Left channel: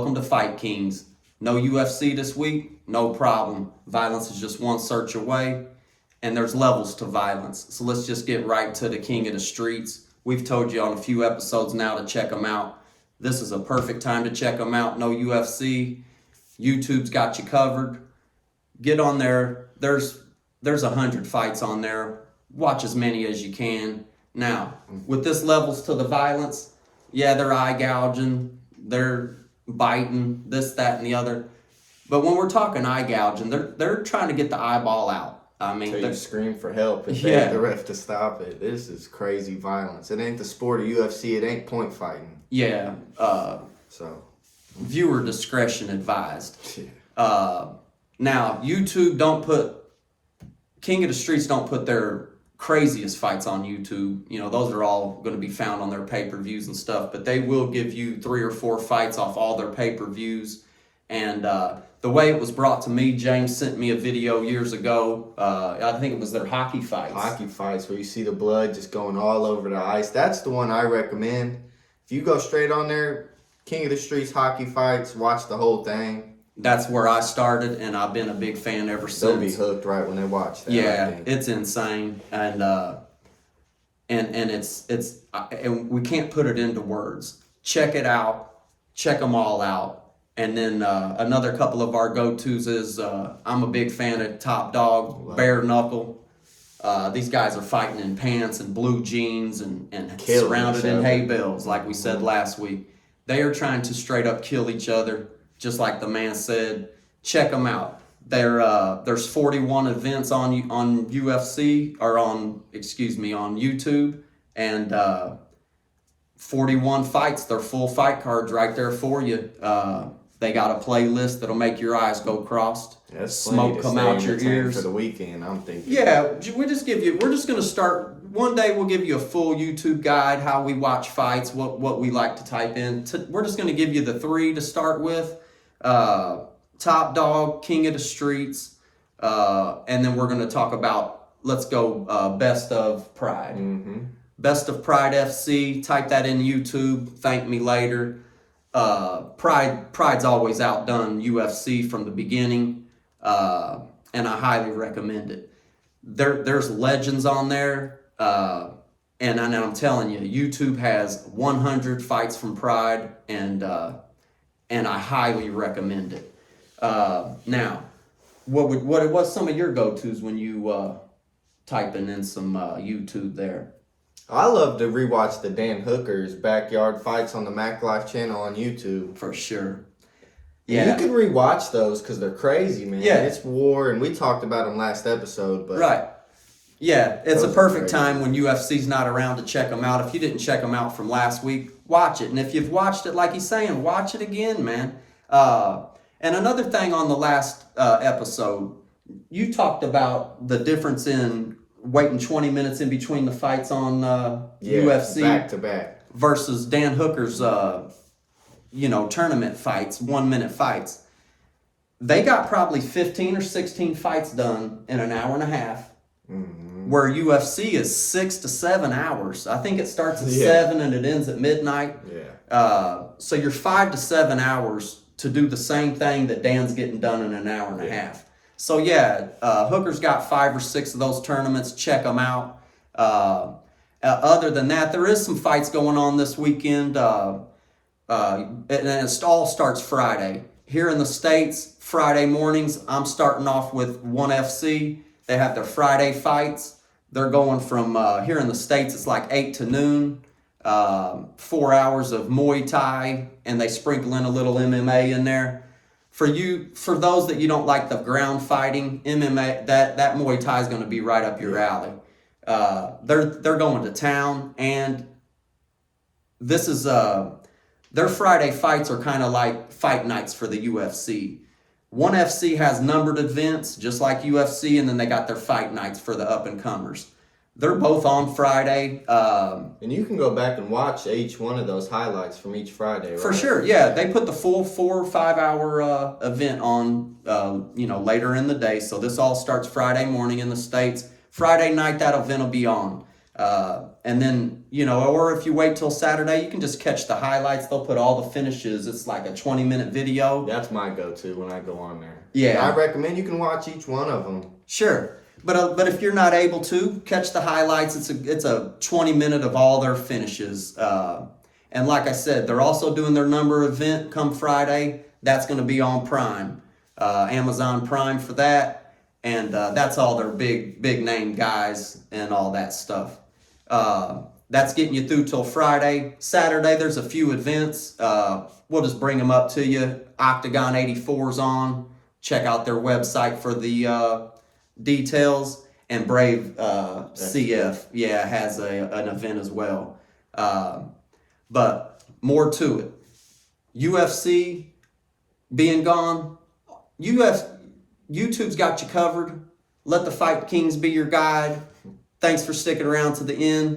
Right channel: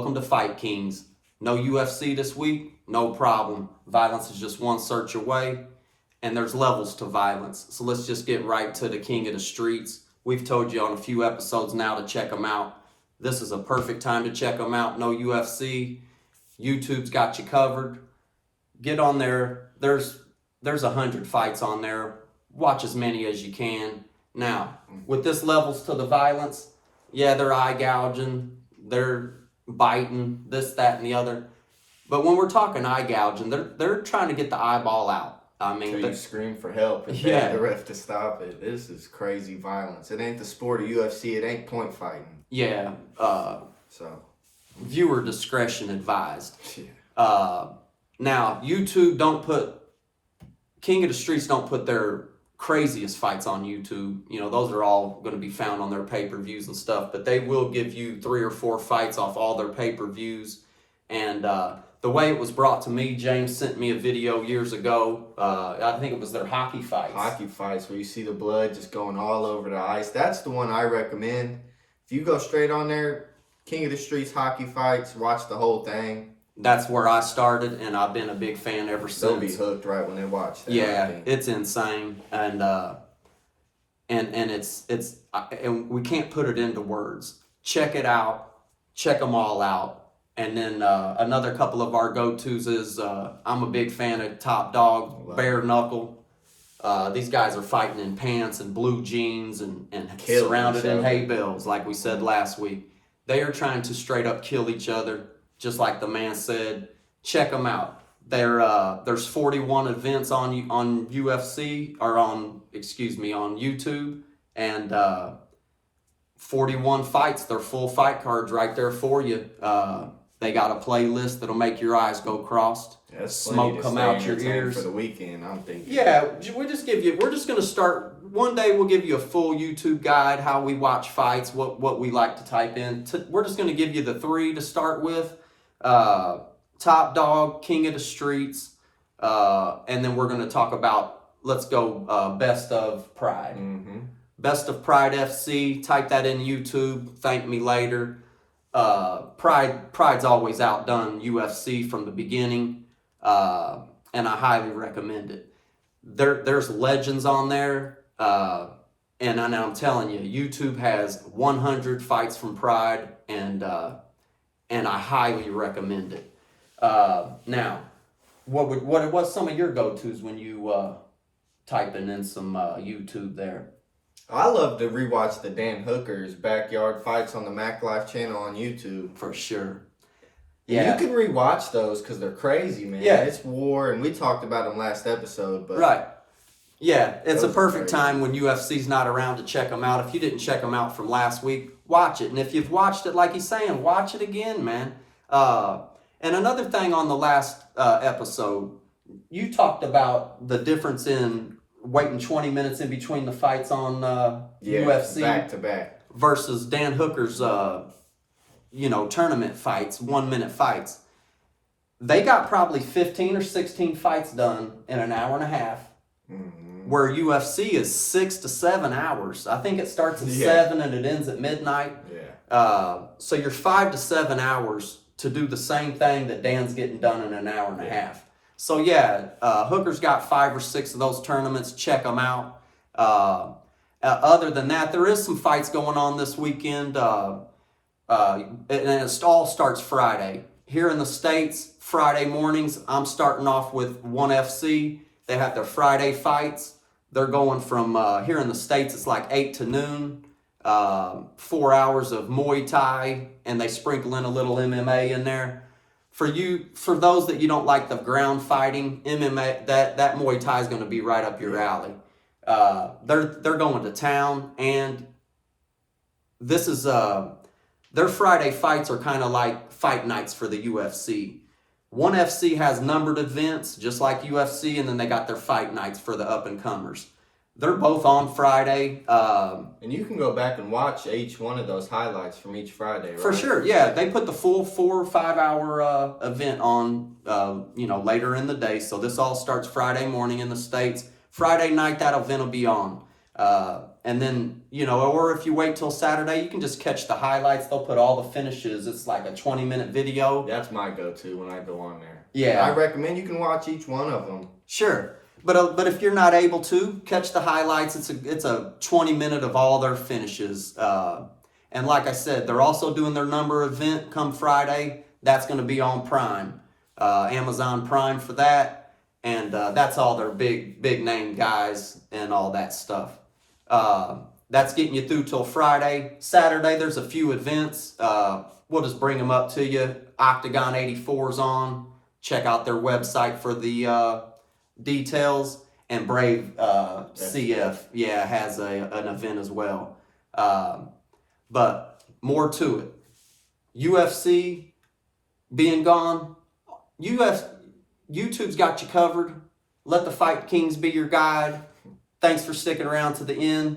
Welcome to Fight Kings. No UFC this week? No problem. Violence is just one search away, and there's levels to violence. So let's just get right to the king of the streets. We've told you on a few episodes now to check him out. This is a perfect time to check him out. No UFC. YouTube's got you covered. Get on there. There's 100 fights on there. Watch as many as you can. Now, with this levels to the violence, yeah, they're eye gouging, they're biting, this, that, and the other. But when we're talking eye gouging, they're trying to get the eyeball out. I mean, you scream for help and beg the ref to stop it. This is crazy violence. It ain't the sport of UFC. It ain't point fighting. Yeah. So, viewer discretion advised. Yeah. Now, YouTube King of the Streets don't put their craziest fights on YouTube. You know, those are all going to be found on their pay-per-views and stuff, but they will give you 3 or 4 fights off all their pay-per-views. And the way it was brought to me, James sent me a video years ago. I think it was their hockey fights. Hockey fights where you see the blood just going all over the ice. That's the one I recommend. If you go straight on there, King of the Streets hockey fights, watch the whole thing. That's where I started, and I've been a big fan ever since. They'll be hooked right when they watch that. Yeah, it's insane, and we can't put it into words. Check it out, check them all out, and then another couple of our go-tos is I'm a big fan of Top Dog, Bare Knuckle. These guys are fighting in pants and blue jeans and surrounded in hay bales, like we said last week. They are trying to straight up kill each other. Just like the man said, check them out. There's 41 events on UFC or on YouTube, and 41 fights. They're full fight cards right there for you. They got a playlist that'll make your eyes go crossed. That's smoke come out your ears for the weekend. I'm thinking. Yeah, we're just gonna start. One day we'll give you a full YouTube guide how we watch fights, what we like to type in. We're just gonna give you the 3 to start with. Top Dog, King of the Streets, and then we're going to talk about, let's go, Best of Pride. Mm-hmm. Best of Pride FC, type that in YouTube, thank me later. Pride's always outdone UFC from the beginning, and I highly recommend it. There's legends on there, and I'm telling you, YouTube has 100 fights from Pride, and I highly recommend it. Now, what was some of your go-tos when you typing in some YouTube there? I love to rewatch the Dan Hooker's backyard fights on the Mac Life channel on YouTube. For sure. Yeah. You can rewatch those because they're crazy, man. Yeah. It's war, and we talked about them last episode. But right. Yeah, it's a perfect time when UFC's not around to check them out. If you didn't check them out from last week, watch it. And if you've watched it, like he's saying, watch it again, man. And another thing on the last episode, you talked about the difference in waiting 20 minutes in between the fights on UFC. Back to back. Versus Dan Hooker's, tournament fights, 1-minute fights. They got probably 15 or 16 fights done in an hour and a half. Mm-hmm. Where UFC is 6 to 7 hours. I think it starts at 7 and it ends at midnight. Yeah. So you're 5 to 7 hours to do the same thing that Dan's getting done in an hour and a half. So Hooker's got 5 or 6 of those tournaments. Check them out. Other than that, there is some fights going on this weekend. And it all starts Friday. Here in the States, Friday mornings, I'm starting off with ONE FC. They have their Friday fights. They're going from, here in the States, it's like 8 to noon, 4 hours of Muay Thai, and they sprinkle in a little MMA in there. For those that you don't like the ground fighting, MMA, that Muay Thai is going to be right up your alley. They're going to town, and this is, their Friday fights are kind of like fight nights for the UFC. ONE FC has numbered events, just like UFC, and then they got their fight nights for the up-and-comers. They're both on Friday. And you can go back and watch each one of those highlights from each Friday, right? For sure, yeah. They put the full 4 or 5 hour event on, later in the day. So this all starts Friday morning in the States. Friday night, that event will be on. And then, or if you wait till Saturday, you can just catch the highlights. They'll put all the finishes. It's like a 20-minute video. That's my go-to when I go on there. Yeah. I recommend you can watch each one of them. Sure. But if you're not able to, catch the highlights. It's a 20-minute of all their finishes. And like I said, they're also doing their number event come Friday. That's going to be on Prime. Amazon Prime for that. And that's all their big name guys and all that stuff. That's getting you through till Friday. Saturday, there's a few events. We'll just bring them up to you. Oktagon 84's on. Check out their website for the details. And Brave CF, has an event as well. But more to it. UFC being gone. YouTube's got you covered. Let the Fight Kings be your guide. Thanks for sticking around to the end.